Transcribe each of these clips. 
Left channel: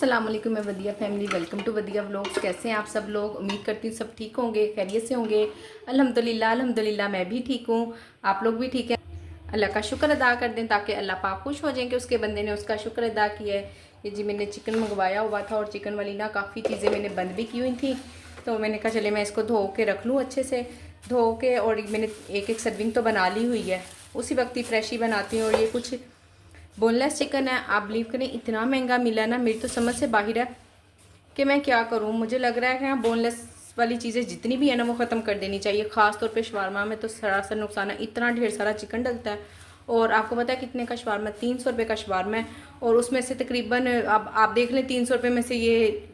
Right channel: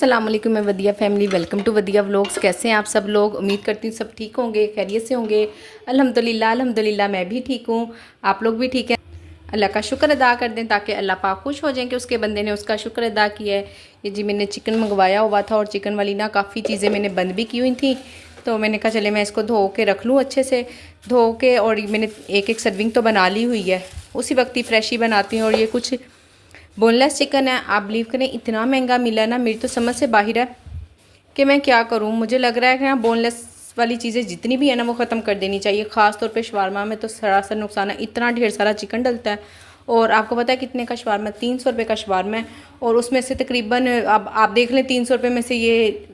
अस्सलाम वालेकुम मैं वदिया फैमिली, वेलकम टू वदिया व्लॉग्स। कैसे हैं आप सब लोग? उम्मीद करती हूँ सब ठीक होंगे, खैरियत से होंगे। अल्हम्दुलिल्लाह अल्हम्दुलिल्लाह मैं भी ठीक हूँ, आप लोग भी ठीक हैं। अल्लाह का शुक्र अदा कर दें ताकि अल्लाह पाक खुश हो जाएं कि उसके बंदे ने उसका शुक्र अदा किया है। ये जी मैंने चिकन मंगवाया हुआ था और चिकन वाली ना काफ़ी चीज़ें मैंने बंद भी की हुई थी, तो मैंने कहा चले मैं इसको धो के रख लूँ अच्छे से धो के। और मैंने एक एक सर्विंग तो बना ली हुई है, उसी वक्त ही फ्रेश ही बनाती हूँ। और ये कुछ बोनलेस चिकन है, आप बिलीव करें इतना महंगा मिला ना, मेरी तो समझ से बाहर है कि मैं क्या करूं। मुझे लग रहा है कि हाँ बोनलेस वाली चीज़ें जितनी भी है ना वो ख़त्म कर देनी चाहिए। ख़ास तौर पे शवारमा में तो सरासर नुकसान है, इतना ढेर सारा चिकन डलता है। और आपको पता है कितने का शवारमा? 300 रुपये का शवारमा है। और उसमें से तकरीबन अब आप देख लें 300 रुपये में से ये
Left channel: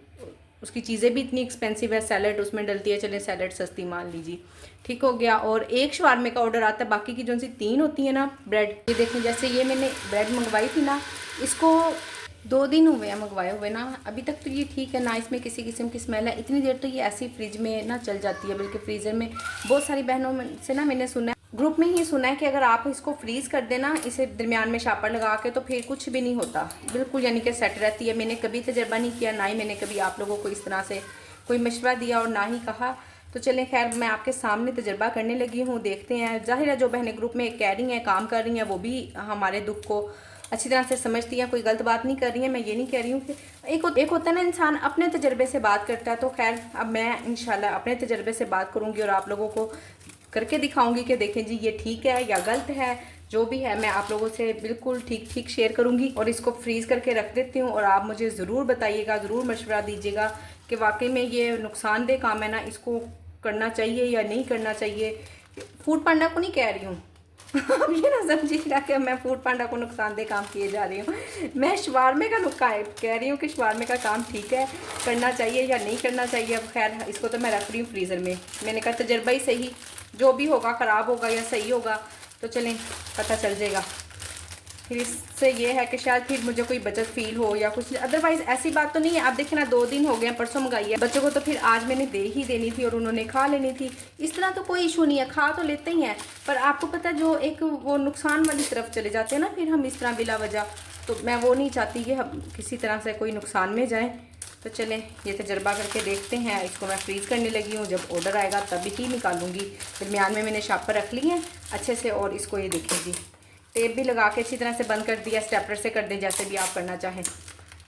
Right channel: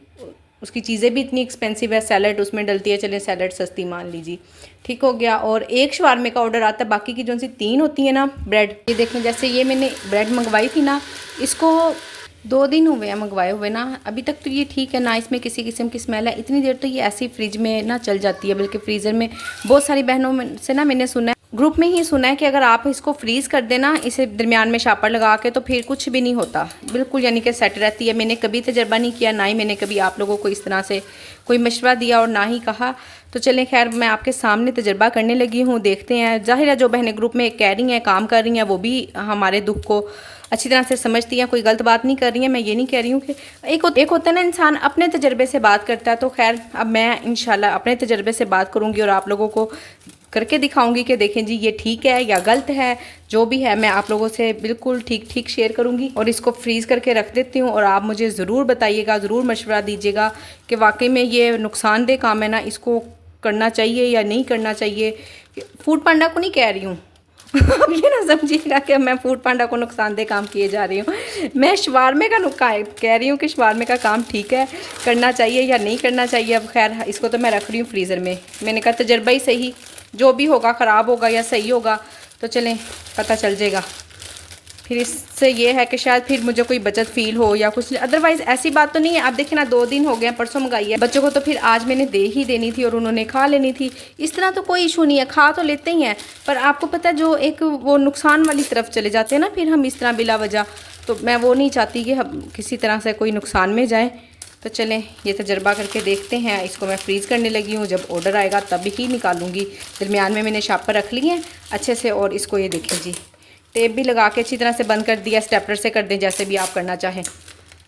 उसकी चीज़ें भी इतनी एक्सपेंसिव है, सैलड उसमें डलती है, चले सैलड सस्ती मान लीजिए, ठीक हो गया। और एक शवारमे का ऑर्डर आता है, बाकी की जो सी 3 होती है ना ब्रेड, ये देखें जैसे ये मैंने ब्रेड मंगवाई थी ना, इसको 2 दिन हुए हैं मंगवाए हुए ना, अभी तक तो ये ठीक है ना, इसमें किसी किस्म की स्मेल है। इतनी देर तो ये ऐसी फ्रिज में ना चल जाती है, बल्कि फ्रीज़र में। बहुत सारी बहनों में से ना मैंने सुना है, ग्रुप में ही सुना है कि अगर आप इसको फ्रीज़ कर देना इसे दरमियान में शापर लगा के, तो फिर कुछ भी नहीं होता बिल्कुल, यानी कि सेट रहती है। मैंने कभी तजर्बा नहीं किया, ना ही मैंने कभी आप लोगों को इस तरह से कोई मशवरा दिया और ना ही कहा। तो चलें खैर मैं आपके सामने तजर्बा करने लगी हूँ, देखते हैं। ज़ाहिर है जो बहनें ग्रुप में कह रही हैं काम कर रही हैं वो भी हमारे दुख को अच्छी तरह से समझती हैं, कोई गलत बात नहीं कर रही हैं। मैं ये नहीं कह रही हूँ कि एक होता है ना इंसान अपने तजर्बे से बात करता है। तो खैर अब मैं इंशाल्लाह अपने तजर्बे से बात करूँगी और आप लोगों को करके दिखाऊंगी कि देखें जी ये ठीक है या गलत है। जो भी है मैं आप लोगों से बिल्कुल ठीक ठीक शेयर करूंगी। और इसको फ्रीज़ करके रख देती हूँ और आप मुझे ज़रूर बताइएगा, ज़रूर मशवरा दीजिएगा कि वाकई में ये नुकसानदेह काम है ना, इसको करना चाहिए या नहीं करना चाहिए। फूड पांडा को नहीं कह रही हूँ अब ये ना समझिएगा कि मैं फूड पांडा को नुकसानदेह काम किए जा रही हूँ। मैं शवारमे का कह रही हूँ कि शवारमे का काम ठीक है, करना चाहिए या नहीं करना चाहिए। अब खैर इसको तो मैं रख रही हूँ फ्रीज़र में। मैंने कहा तजर्बा ही सही, जो भी होगा ख़राब होगा या सही होगा तो चलें पता चल जाएगा। फिर इससे ये है कि शायद फिर मुझे कोई बचत फील हो या कुछ, अदरवाइज़ ऐसी बात तो नहीं है। अब देखिए ना 2 दिन हो गए हैं, परसों मंगाई है बच्चों को, तो फिर आज मैंने दे ही देनी थी और उन्होंने खा लेनी थी। इस तरह तो कोई इशू नहीं है, खा तो लेते ही हैं। पर आपको पता है जो एक वो नुकसान वाली तरफ चले जाते हैं ना फिर हम इस तरह बिला वजह, तो मैं वो नहीं चाहती कि हम किसी तरह से कोई नुकसान में जाए। तो चलें ये तजर्बा करके देखते हैं। इसको मैं फ्रीज़ करने लगी हूँ, जब ऑर्डर आएगा तब ही निकालूंगी। दरमियान में मैंने शापर रख लिए हैं अच्छे से। और इसको ये देखें जी टेप भी लगा के अच्छी तरह से बंद कर दिया, स्टेपलर से कर दें जैसे भी आप करना चाहें।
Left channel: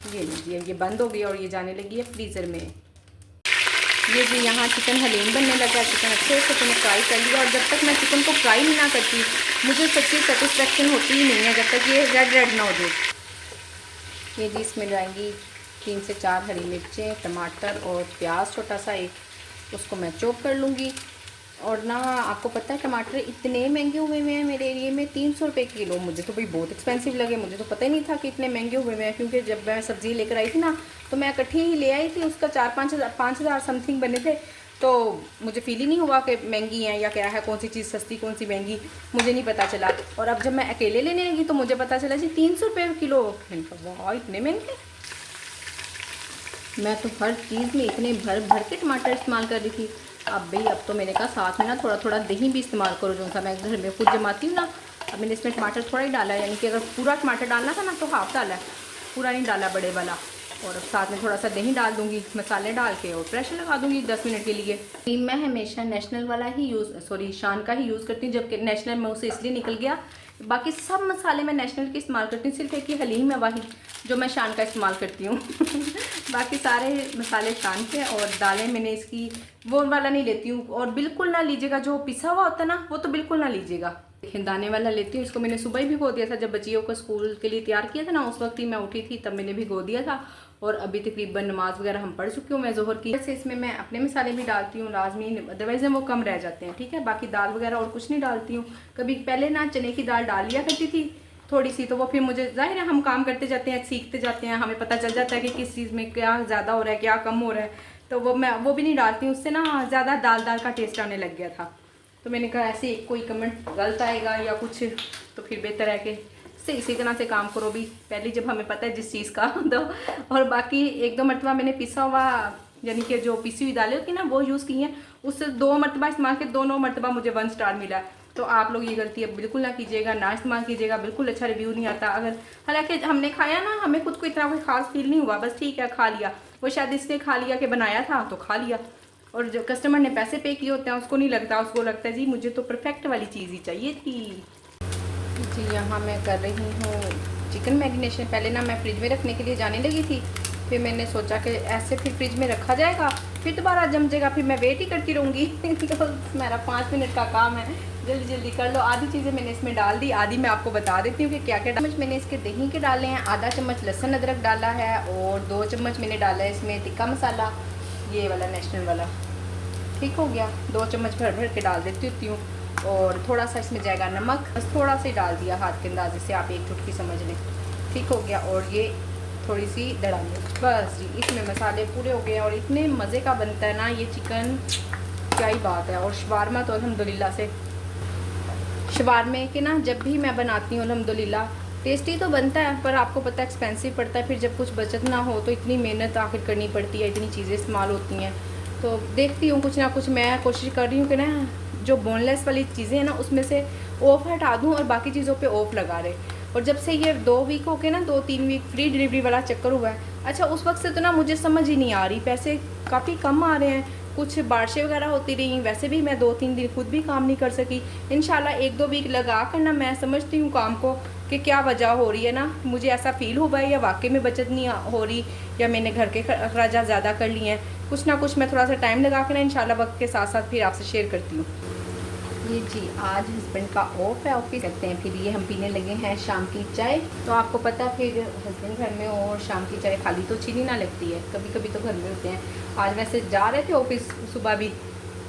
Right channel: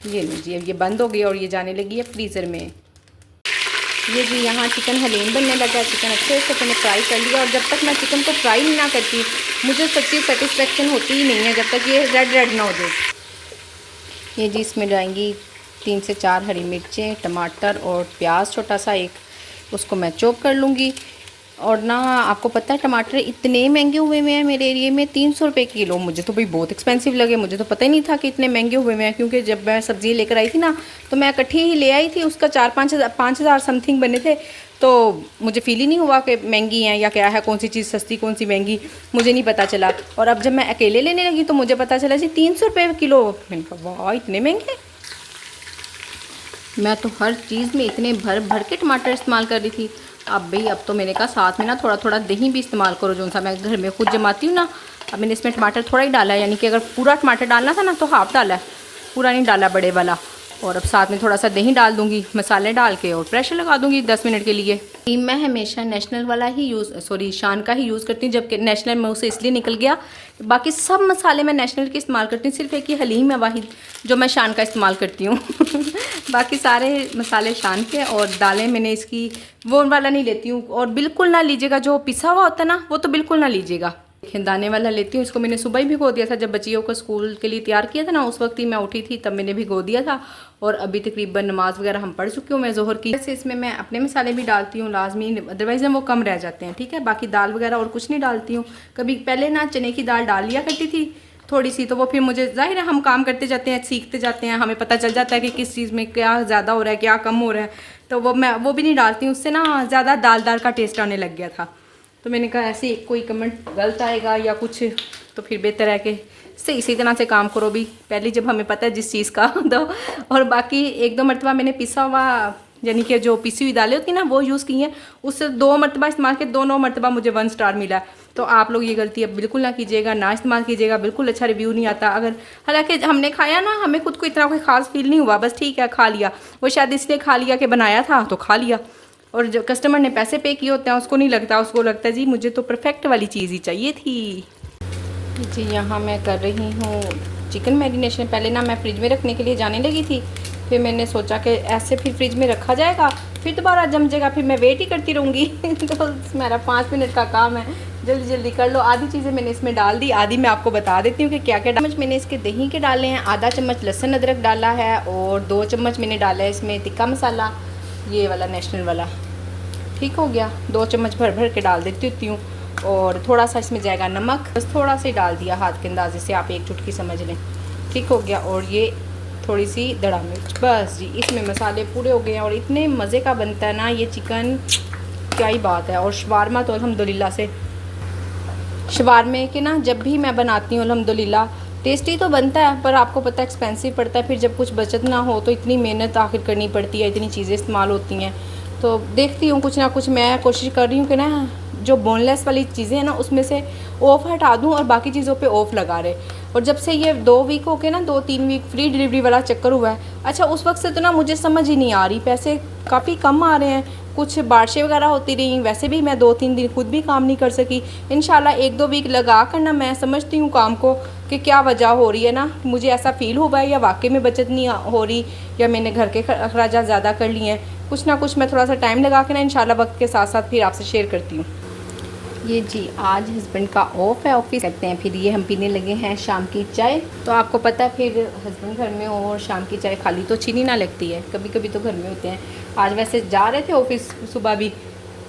ये लीजिए ये बंद हो गई और ये जाने लगी है फ्रीज़र में। ये जी यहाँ चिकन हलीम बनने लगा। चिकन अच्छे से मैंने फ्राई कर लिया और जब तक मैं चिकन को फ्राई नहीं ना करती मुझे सच्ची सेटिस्फेक्शन होती ही नहीं है जब तक ये रेड रेड ना हो जाए। ये जी इसमें जाएंगी 3 से 4 हरी मिर्चें, टमाटर और प्याज छोटा सा एक, उसको मैं चॉप कर लूँगी। और ना आपको पता है टमाटर इतने महंगे हुए हुए हैं मेरे एरिए में, 300 रुपये किलो। मुझे तो भाई बहुत एक्सपेंसिव लगे, मुझे तो पता ही नहीं था कि इतने महंगे हुए हुए हैं। क्योंकि जब मैं सब्ज़ी लेकर आई थी ना तो मैं इकट्ठी ही ले आई थी, उसका 4-5 हज़ार समथिंग बने थे। तो मुझे फील ही नहीं हुआ कि महंगी हैं या क्या है, कौन सी चीज़ सस्ती कौन सी महंगी मुझे नहीं पता चला। और अब जब मैं अकेले लेने लगी तो मुझे पता चला जी 300 रुपये किलो। मैंने कहा वाह इतने महंगे। मैं तो हर चीज़ में इतने भर भर के टमाटर इस्तेमाल कर रही थी। अब तो मैंने कहा साथ में ना थोड़ा थोड़ा दही भी इस्तेमाल करो, जो सा मैं घर में खुद जमाती हूँ ना। अब मैंने इसमें टमाटर थोड़ा ही डाला है, यानी कि अगर पूरा टमाटर डालना था ना तो हाफ़ डाला है, पूरा नहीं डाला बड़े वाला। और अब साथ में थोड़ा सा दही डाल दूँगी, मसाले डाल के और प्रेशर लगा दूँगी 10 मिनट के लिए। मैं हमेशा नेशनल वाला ही शान का ही यूज़ करती हूँ, जबकि नेशनल में उसे इसलिए निकल गया। बाकी सब मसाले मैं नेशनल के इस्तेमाल करती हूँ, सिर्फ एक ही हलीम है वाहिद जो मैं शान का इस्तेमाल करती हूँ बाकी सारे मसाले शान के। और दालें मैंने इसकी वो वाला नहीं लेती हूँ, और बिल्कुल ना लीजिएगा जो पिसा हुआ होता है ना, वो तो बिल्कुल ना लीजिएगा। दाने वाला लेती हूँ। इसको मैंने सुबह ही भिगो दिया था, जब बच्चियों को स्कूल के लिए तैयार किया था ना, उस वक्त ही मैं उठी थी तब मैंने भिगो दिया था। और अभी तकरीबन नमाज वगैरह हम पढ़ चुकी हूँ मैं ज़ोहर की। वैसे इसमें मैं अपने मसाले भी डालती हूँ लाजमी, अदरवाइज़ वो कम रह जाते हैं, ठीक है। बाकी दाल वगैरह और कुछ नहीं डालती हूँ। कभी पहले ना चने की दाल डाल लिया करती थी थोड़ी सी, तो वो फिर मुझे ज़ाहिर है हम काम करते जाते हैं, सीखते जाते हैं, हमें पता चल जाता है कि किस चीज़ में क्या ज़्यादा हो रहा है क्या कम हो रहा है। तो वो मैं वो भी नहीं डालती हूँ, उससे ना ज़्यादा दाल दाल का टेस्ट आने लग गया था। तो मैंने कहा ऐसे कोई कमेंट गलत आएगा या कुछ, तो फिर बेहतर है कि इसी तरह से काम करो भी पहले, जब हमें पता है जिस चीज़ का तो। और बाकी 1-2 मरतबा मैंने पिसा हुआ यानी कि जो पिसी हुई दालें होती हैं ना वो यूज़ की हैं, उससे 2 मरतबा इस्तेमाल किया, दोनों मरतबा मुझे 1 स्टार मिला। तो आप लोग ये गलती अब बिल्कुल ना कीजिएगा, ना इस्तेमाल कीजिएगा, बिल्कुल अच्छा रिव्यू नहीं आता। अगर हालांकि हमने खाया ना, हमें खुद को इतना कोई ख़ास फील नहीं हुआ, बस ठीक है खा लिया, वो शायद इसलिए खा लिया कि बनाया था तो खा लिया। और जो कस्टमर ने पैसे पे किए होते हैं उसको नहीं लगता, उसको लगता है जी मुझे तो परफेक्ट वाली चीज़ ही चाहिए थी। जी यहाँ मैं कर रही हूँ चिकन मैरिनेशन। पहले ना मैं फ्रिज में रखने के लिए जाने लगी थी, फिर मैंने सोचा कि ऐसे फिर फ्रिज में रखा जाएगा, फिर दोबारा जम जाएगा, फिर मैं वेट ही करती रहूँगी। तो मेरा 5 मिनट का काम है, जल्दी जल्दी कर लो। आधी चीज़ें मैंने इसमें डाल दी, आधी मैं आपको बता देती हूँ कि क्या क्या चम्मच मैंने इसके दही के डाले हैं। आधा चम्मच लहसुन अदरक डाला है और 2 चम्मच मैंने डाला है इसमें तिक्का मसाला, ये वाला नेशनल वाला। ठीक हो गया, 2 चम्मच भर भर के डाल देती होती हूँ। और थोड़ा सा इसमें जाएगा नमक, बस थोड़ा सा ही डाल दिया हाथ के अंदाजे से, आप एक चुटकी समझ लें। ठीक हो गया। और ये थोड़ी सी दड़ा मिर्च, बस जी इसमें मसाले पूरे हो गए हैं। और इतने मज़े का बनता है ना ये चिकन, क्या ही बात है। और शवारमा तो अल्हम्दुलिल्लाह से, शवारमे के ना जब भी मैं बनाती हूँ अल्हम्दुलिल्लाह टेस्टी तो बनता है, पर आपको पता है एक्सपेंसिव पड़ता है। फिर जब कुछ बचत ना हो तो इतनी मेहनत आखिर करनी पड़ती है, इतनी चीज़ें इस्तेमाल होती हैं। तो देखती हूँ कुछ ना कुछ, मैं कोशिश कर रही हूँ कि ना जो बोनलेस वाली चीज़ें हैं ना उसमें से ऑफ हटा दूँ और बाकी चीज़ों पे ऑफ लगा रहे। और जब से ये 2 वीक हो के ना, 2-3 वीक फ्री डिलीवरी वाला चक्कर हुआ है, अच्छा उस वक्त से तो ना मुझे समझ ही नहीं आ रही, पैसे काफ़ी कम आ रहे हैं। कुछ बारिशें वगैरह होती रही, वैसे भी मैं 2-3 दिन खुद भी काम नहीं कर सकी। इंशाल्लाह 1-2 वीक लगा कर ना मैं समझती हूँ काम को कि क्या वजह हो रही है ना, मुझे ऐसा फील हुआ है या वाकई में बचत नहीं हो रही, या मैंने घर के अखराजात ज़्यादा कर लिए हैं। कुछ ना कुछ मैं थोड़ा सा टाइम लगा के ना इंशाल्लाह वक्त के साथ साथ फिर आपसे शेयर करती हूँ। ये जी आज हस्बैंड का ऑफ है, ऑफिस कहते हैं। फिर ये हम पीने लगे हैं शाम की चाय। तो आपको पता है फिर हस्बैंड घर में हो और शाम की चाय खाली तो अच्छी नहीं ना लगती है, कभी कभी तो घर में होते हैं। आज वैसे जा रहे थे ऑफिस सुबह भी,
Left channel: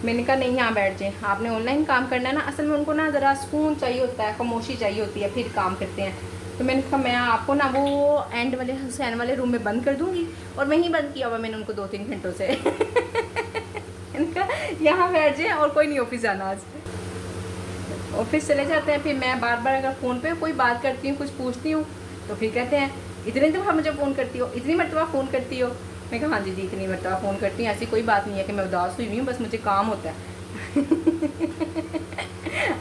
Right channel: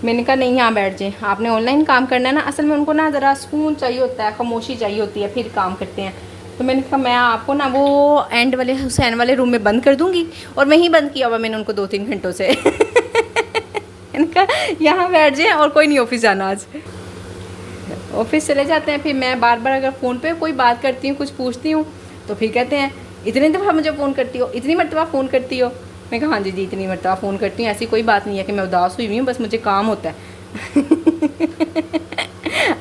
मैंने कहा नहीं यहाँ बैठ जाएँ, आपने ऑनलाइन काम करना है ना, असल में उनको ना ज़रा सुकून चाहिए होता है, खामोशी चाहिए होती है, फिर काम करते हैं। तो मैंने कहा मैं आपको ना वो एंड वाले हुसैन वाले रूम में बंद कर दूँगी, और मैं ही बंद किया हुआ मैंने उनको 2-3 घंटों से। इनका यहाँ बैठ जाए और कोई नहीं ऑफिस जाना। आज ऑफिस चले जाते हैं, फिर मैं बार बार अगर फ़ोन पे कोई बात करती हूँ, कुछ पूछती हूँ, तो फिर कहते हैं इतनी दफ़ा मुझे फ़ोन करती हो, इतनी मरतबा फ़ोन करती हो। मैं कहा हाँ जी इतनी मरतबा फ़ोन करती हूँ, ऐसी कोई बात नहीं है कि मैं उदास हुई हूँ, बस मुझे काम होता है।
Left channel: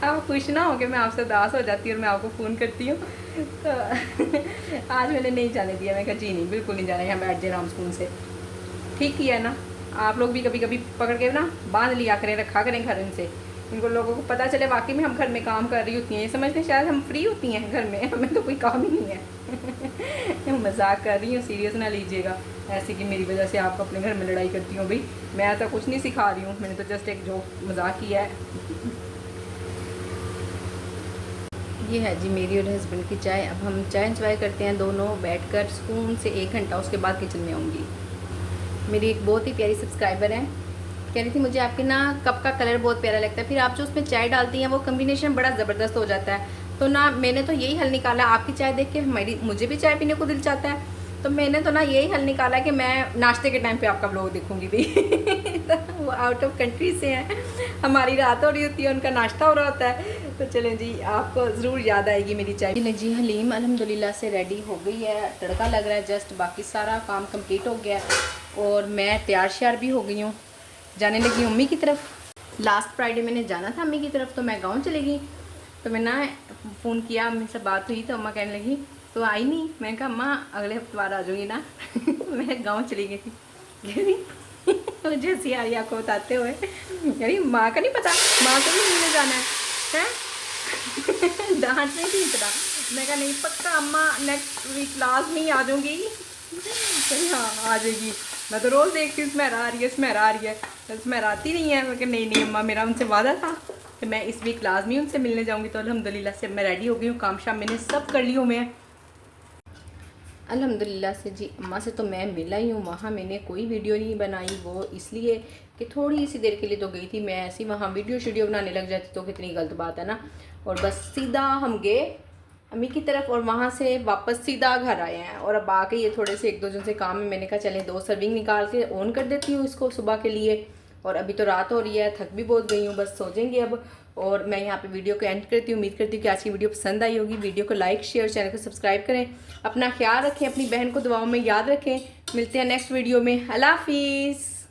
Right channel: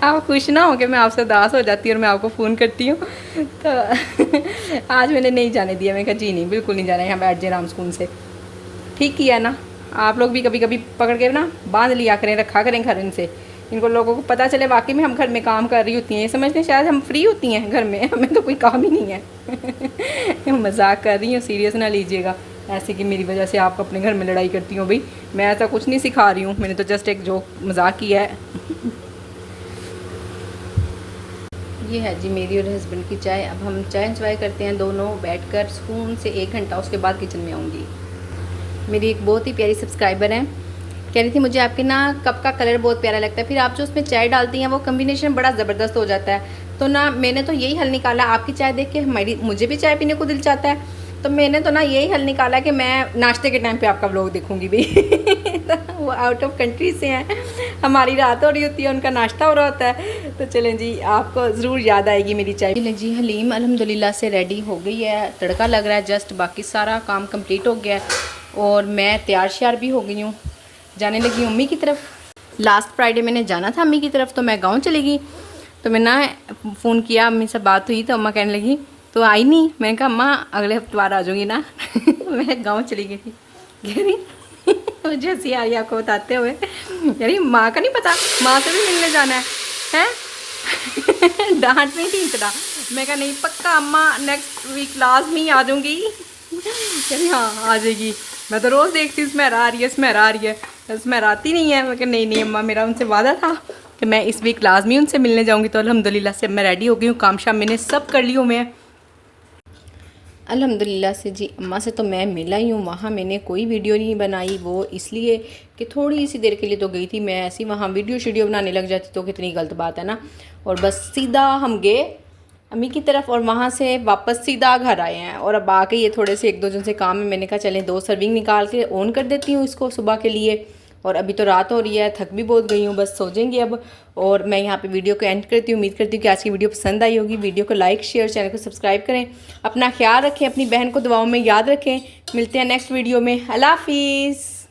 आप खुश ना हो कि मैं आपसे उदास हो जाती हूँ और मैं आपको फ़ोन करती हूँ। तो आज मैंने नहीं जाने दिया, मैं कहा जी नहीं बिल्कुल नहीं जाना, यहाँ बैठ जाए आराम सुकून से। ठीक किया ना, आप लोग भी कभी कभी पकड़ के ना बांध लिया करें, रखा करें घर इनसे, इनको लोगों को पता चले वाकई में हम घर में काम कर रही होती हैं, ये समझते हैं शायद हम फ्री होती हैं घर में, हमें तो कोई काम ही नहीं है। मजाक कर रही हूँ, सीरियस ना लीजिएगा ऐसे कि मेरी वजह से आप अपने घर में लड़ाई करती हो। भाई मैं ऐसा कुछ नहीं सिखा रही हूँ, मैंने तो जस्ट एक जो मजाक किया है। ये है जी मेरी और हस्बैंड की चाय। अब हम चाय इंजॉय करते हैं दोनों बैठकर सुकून से 1 घंटा, उसके बाद किचन में आऊँगी। मेरी एक बहुत ही प्यारी सब्सक्राइबर है, कह रही थी मुझे आपके ना कप का कलर बहुत प्यारा लगता है, फिर आप जो उसमें चाय डालती हैं वो कम्बिनेशन बड़ा ज़बरदस्त हो जाता है। तो ना मैंने तो यही हल निकाला, आपकी चाय देख के मुझे भी चाय पीने को दिल चाहता है, तो मैंने तो ना यही हल निकाला कि मैं नाश्ते के टाइम पे आपका व्लॉग देखूंगी भी। तो वो आउट ऑफ कंट्री से हैं, हमारी रात हो रही होती है, उनका नाश्ता हो रहा होता है। तो चलें जी आपको ज़रूर याद आएगी मेरी चाय। जी हलीम अल्हम्दुलिल्लाह से रेडी हो गई है, तड़का लग रहा है जस्ट, बाकी सारा काम कम्प्लीट हो गया है और मैं तैयार श्यार भी हो गई हूँ, जाने लगी अम्मी की तरफ। लास्ट फ्राइडे मैंने जाना था अम्मी की तरफ, तो मैं गांव चली गई। तो मैं ना फ़ोन किया, अम्मी से बात हुई तो अम्मा कहने लगी तो आई नहीं। मैंने कहा अम्मा अगले हफ्तेवार आ जाऊँगी ना। मैं गांव चली गई थी। कह रही मुझे हंसी आ रही आपको बताते हुए, यानी माँ का नहीं पता, माँ से भी मिलने जाना है। डांट नहीं थी इतना। मैं कहा नहीं पक्का अम्मा नेक्स्ट वीक लाजमी आ जाऊँगी। कहीं हाँ आ जाएगी, मैं तो रोज़ देखती हूँ स्मैरा आ रही है, स्मैरा आ रही है, स्मैरा आती नहीं है। मैं कहा नहीं अम्मा मेरा उनसे वादा था कि मैं इस वीक लाजमी उनसे मिलने जाऊँगी। तो अल्हम्दुलिल्लाह से मैं रेडी हो गई हूँ, काम शाम मैंने सब कर ली हूँ मैं अल्हम्दुलिल्लाह से जी। अम्मा से तो मैं मिला ही हूँ, वहाँ मैंने कोई वीडियो नहीं बनाई, वो इसलिए कि थोड़ी सी देर के लिए तो गई थी मैं, ऐसी वहाँ वीडियो बनाने लग जाती तो कितनी गलत बात है ना। और बस सीधा हम गए अम्मी की तरफ और वहाँ से वापस सीधा घर आए हैं। और अब आके ये थोड़े से 1-2 दिन से काम है, मैंने कहा चलें 2 सर्विंग निकाल के ऑन कर देती हूँ इसको सुबह के लिए। और अभी तो रात हो रही है, थक भी बहुत गई हूँ, बस सो जाएंगी अब। और मैं यहाँ पे वीडियो को एंड करती हूँ। उम्मीद करती हूँ कि आज की वीडियो पसंद आई होगी। वीडियो को लाइक शेयर, चैनल को सब्सक्राइब करें, अपना ख्याल रखें, अपनी बहन को दुआओं में याद रखें। मिलते हैं नेक्स्ट वीडियो में। अल्लाह हाफिज़।